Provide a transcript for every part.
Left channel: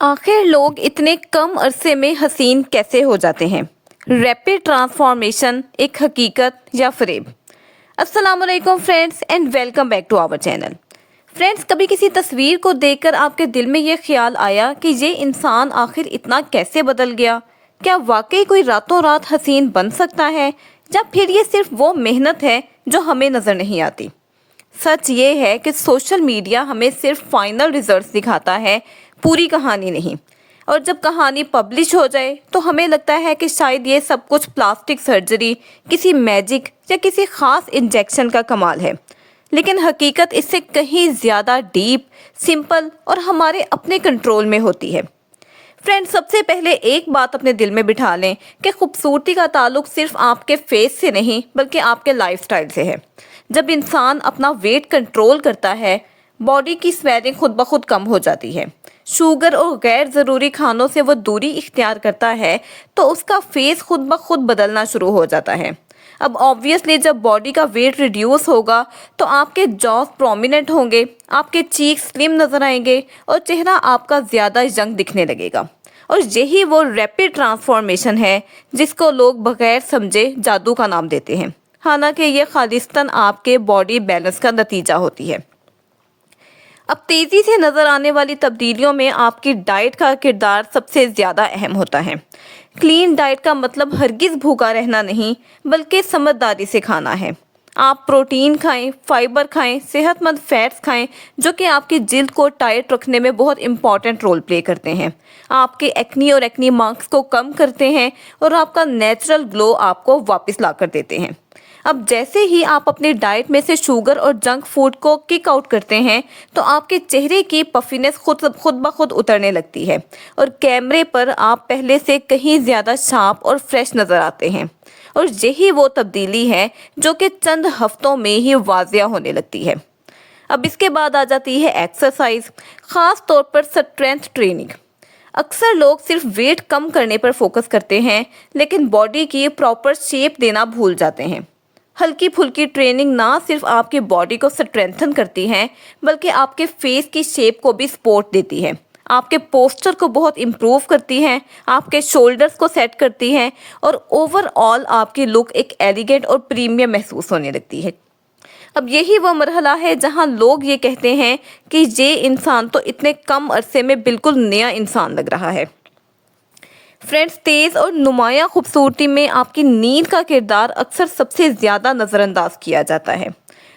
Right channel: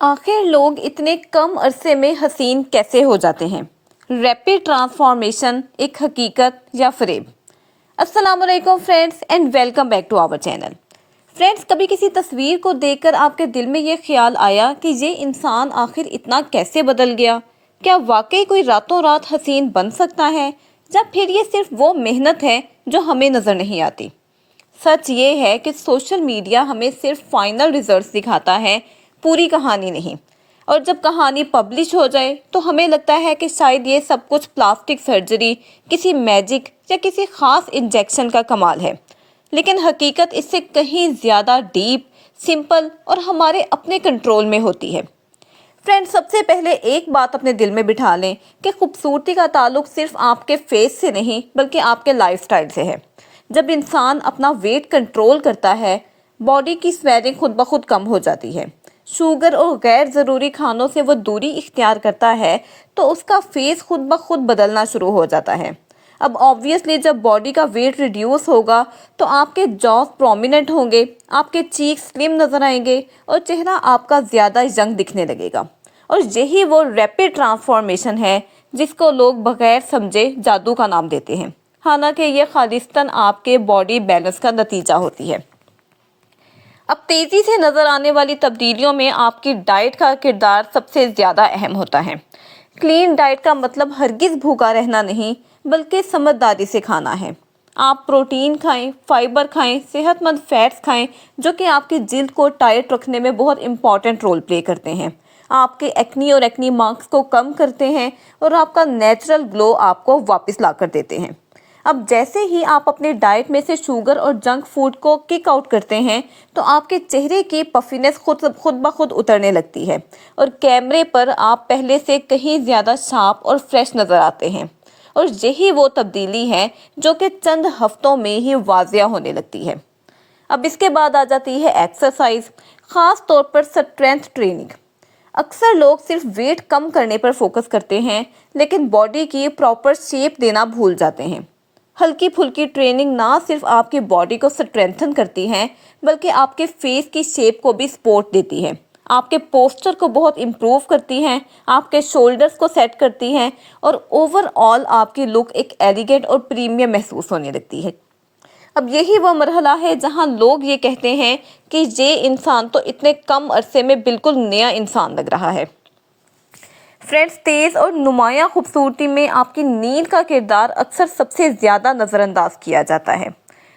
आखिर लोग इतने कम अरसे में हसीन कैसे हो जाते हैं? रैपिड ट्रांसफॉर्मेशन एक हकीकत या फरेब? अस्सलाम वालेकुम friends and welcome back to our channel. Friends, कभी किसी तस्वीर को देखकर आपके दिल में ये ख्याल आया कि ये इंसान आखिर इतना कैसे बदल गया? क्या वाकई कोई रातों रात हसीन बन सकता है, या फिर ये सिर्फ वो मेहनत है जो हमें नज़र नहीं आती? सच ये है कि सोशल मीडिया हमें सिर्फ फाइनल रिजल्ट्स दिखाता है, पूरी कहानी नहीं। और जब कहानी पब्लिश हो जाए तो हमें लगता है कि शायद ये सब कुछ प्लास्टिक सर्जरी, किसी मैजिक या किसी खास इंजेक्शन का कमाल है। लेकिन हकीकत इससे कहीं ज़्यादा डीप, सिंपल और हमारे अपने कंट्रोल में होती है। फ्रेंड्स, सबसे पहले एक बात अपने दिल में बिठा लें कि खूबसूरती का ताल्लुक सिर्फ आपके फेस से नहीं बल्कि आपके लाइफस्टाइल से है। जब इंसान अपना वेट कंट्रोल करता है, बॉडी की स्वेलिंग खुद ब खुद कम हो जाती है, शुगर और गैर ज़रूरी खानों से वो दूरी इख्तियार करता है, तो उसका फेस खुद ब खुद बदलना शुरू हो जाता है। अब ऑब्वियसली जब बॉडी का वेट रिड्यूस होगा तो आपके जॉज प्रोमिनेंट होंगे, आपके चीक स्लिम नज़र आएंगे और चेहरा आपका ज़्यादा यंग दिखने लगेगा। और यही वो रैपिड ट्रांसफॉर्मेशन है जिसको लोग बगैर समझे जादू का नाम देते हैं, हालांकि ये खालिस्तान आपके बॉडी बैलेंस का नतीजा होती है। अब तेज़ी से नज़र आने वाली तब्दीलियों में आपकी डाइट का किरदार सबसे ज़्यादा अहम होता है। क्लीन डाइट का मतलब हरगिज़ भूखा रहना नहीं बल्कि समझदारी से खाना है। आप प्रोटीन खाएं, फाइबर खाएं, सेहतमंद फैट्स खाएं जो कि आपकी जिल्द को टाइट रखने में बहुत इंपॉर्टेंट रोल प्ले करते हैं, आपके एक्नी और एक्नी मार्क्स को कम करते हैं और आपका नेचुरल ग्लो आपको वापस ला कर देते हैं। अब जैसे ही आप अपनी डाइट में से शुगर और जंक फूड को किक आउट करते हैं तो आपके चेहरे की पफीनेस खुद ब खुद उतरने लगती है और कैमरे पर आप पहले से कहीं ज़्यादा शार्प और फ्रेश नज़र आते हैं। और यही वो तब्दीली है जो कि चंद हफ्तों में ही वाजिया होने लगती है। अब इसके बाद आ जाती है एक्सरसाइज, ख़ास तौर पर स्ट्रेंथ ट्रेनिंग। अक्सर लोग सिर्फ वेट कम करने पर फोकस करते हैं लेकिन बॉडी की प्रॉपर शेप देना भूल जाते हैं। हल्की फुल्की ट्रेनिंग ना सिर्फ आपकी बॉडी को स्ट्रेंथन करती है बल्कि आपके फेस की शेप को भी सपोर्ट देती है, आपके पोस्चर को बहुत इम्प्रूव करती हैं, आपके शोल्डर्स को सेट करती हैं और ओवरऑल आपकी लुक एक एलिगेंट और प्रीमियम महसूस होने लगती है। अब यही वो मरहला है जहां लोग ये कहते हैं कि ये इंसान तो इतने कम अरसे में बिल्कुल नया इंसान लग रहा है। फ्रेंड्स, तेज़ और नुमायाँ खूबसूरती में आपकी नींद का किरदार अक्सर सबसे ज़्यादा नज़रअंदाज किया जाता है।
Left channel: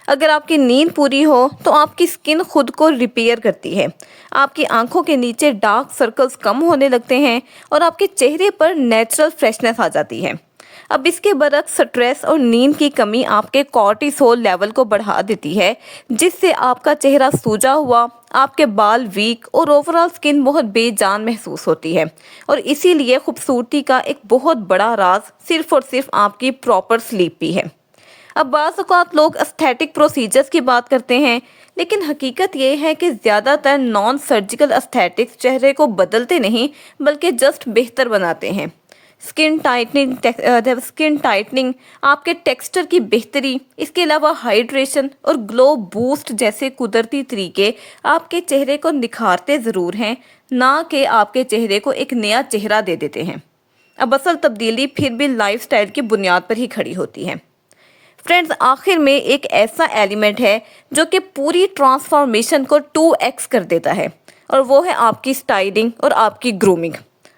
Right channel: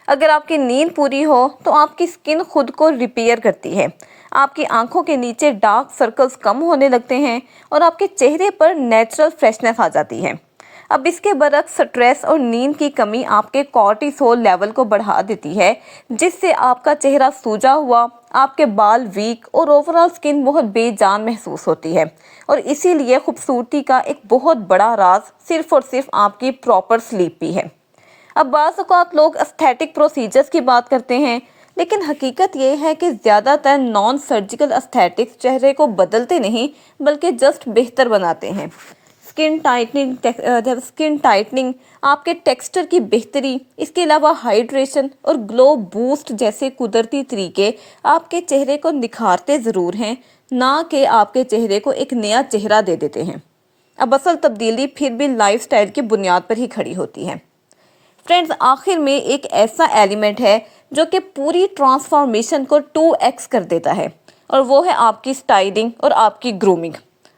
अगर आपकी नींद पूरी हो तो आपकी स्किन खुद को रिपेयर करती है, आपकी आंखों के नीचे डार्क सर्कल्स कम होने लगते हैं और आपके चेहरे पर नेचुरल फ्रेशनेस आ जाती है। अब इसके बरक्स स्ट्रेस और नींद की कमी आपके कॉर्टिसोल लेवल को बढ़ा देती है, जिससे आपका चेहरा सूजा हुआ, आपके बाल वीक और ओवरऑल स्किन बहुत बेजान महसूस होती है। और इसीलिए खूबसूरती का एक बहुत बड़ा राज सिर्फ और सिर्फ आपकी प्रॉपर स्लीप भी है। अब बाज़ औक़ात लोग एस्थेटिक प्रोसीजर्स की बात करते हैं, लेकिन हकीकत ये है कि ज़्यादातर नॉन सर्जिकल एस्थेटिक्स चेहरे को बदलते नहीं बल्कि जस्ट बेहतर बनाते हैं। स्किन टाइटनिंग, आपके टेक्सचर की बेहतरी, इसके अलावा हाइड्रेशन और ग्लो बूस्ट जैसे कुदरती तरीके आपके चेहरे को निखारते ज़रूर हैं, ना कि आपके चेहरे को एक नया चेहरा दे देते हैं। अब असल तब्दीली फिर भी लाइफस्टाइल की बुनियाद पर ही खड़ी होती है। फ्रेंड्स, आखिर में एक ऐसा एलिमेंट है जो कि पूरी ट्रांसफॉर्मेशन को 2x कर देता है, और वो है आपकी स्टाइलिंग और आपकी ग्रूमिंग।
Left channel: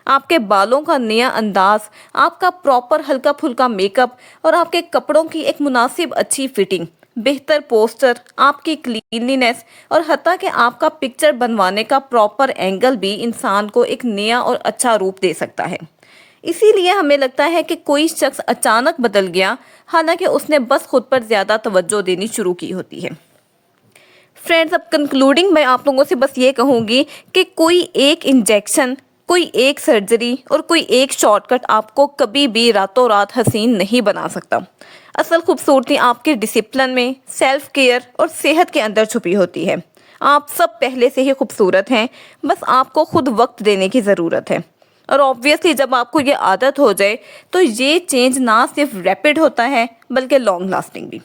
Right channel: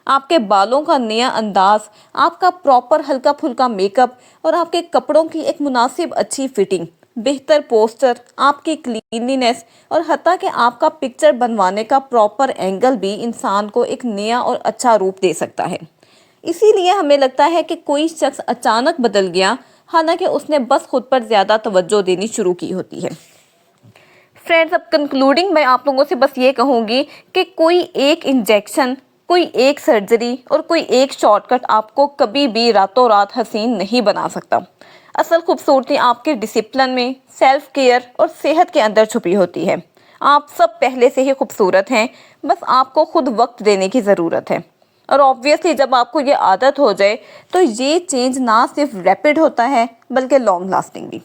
आपके बालों का नया अंदाज, आपका प्रॉपर हल्का फुल्का मेकअप और आपके कपड़ों की एक मुनासिब अच्छी फिटिंग, बेहतर पोस्चर, आपकी क्लीनलीनेस और हत्ता कि आपका पिक्चर बनवाने का प्रॉपर एंगल भी इंसान को एक नया और अच्छा रूप दे सकता है। इसीलिए हमें लगता है कि कोई शख्स अचानक बदल गया, हालांकि उसने बस खुद पर ज़्यादा तवज्जो देनी शुरू की होती है। फ्रेंड्स, अब कंक्लूडिंग मैं आप लोगों से बस ये कहूँगी कि कोई एक इंजेक्शन, कोई एक सर्जरी और कोई एक शॉर्टकट आपको कभी भी रातों रात हसीन नहीं बना सकता। असल खूबसूरती आपके डिसिप्लिन में, सेल्फ केयर और सेहत के अंदर छुपी होती है। आप सब पहले से ही खूबसूरत हैं, बस आपको खुद वक्त देने की ज़रूरत है। और ऑब्वियसली जब आपको ये आदत हो जाए तो ये चेंज ना सिर्फ रैपिड होता है बल्कि लॉन्ग लास्टिंग भी।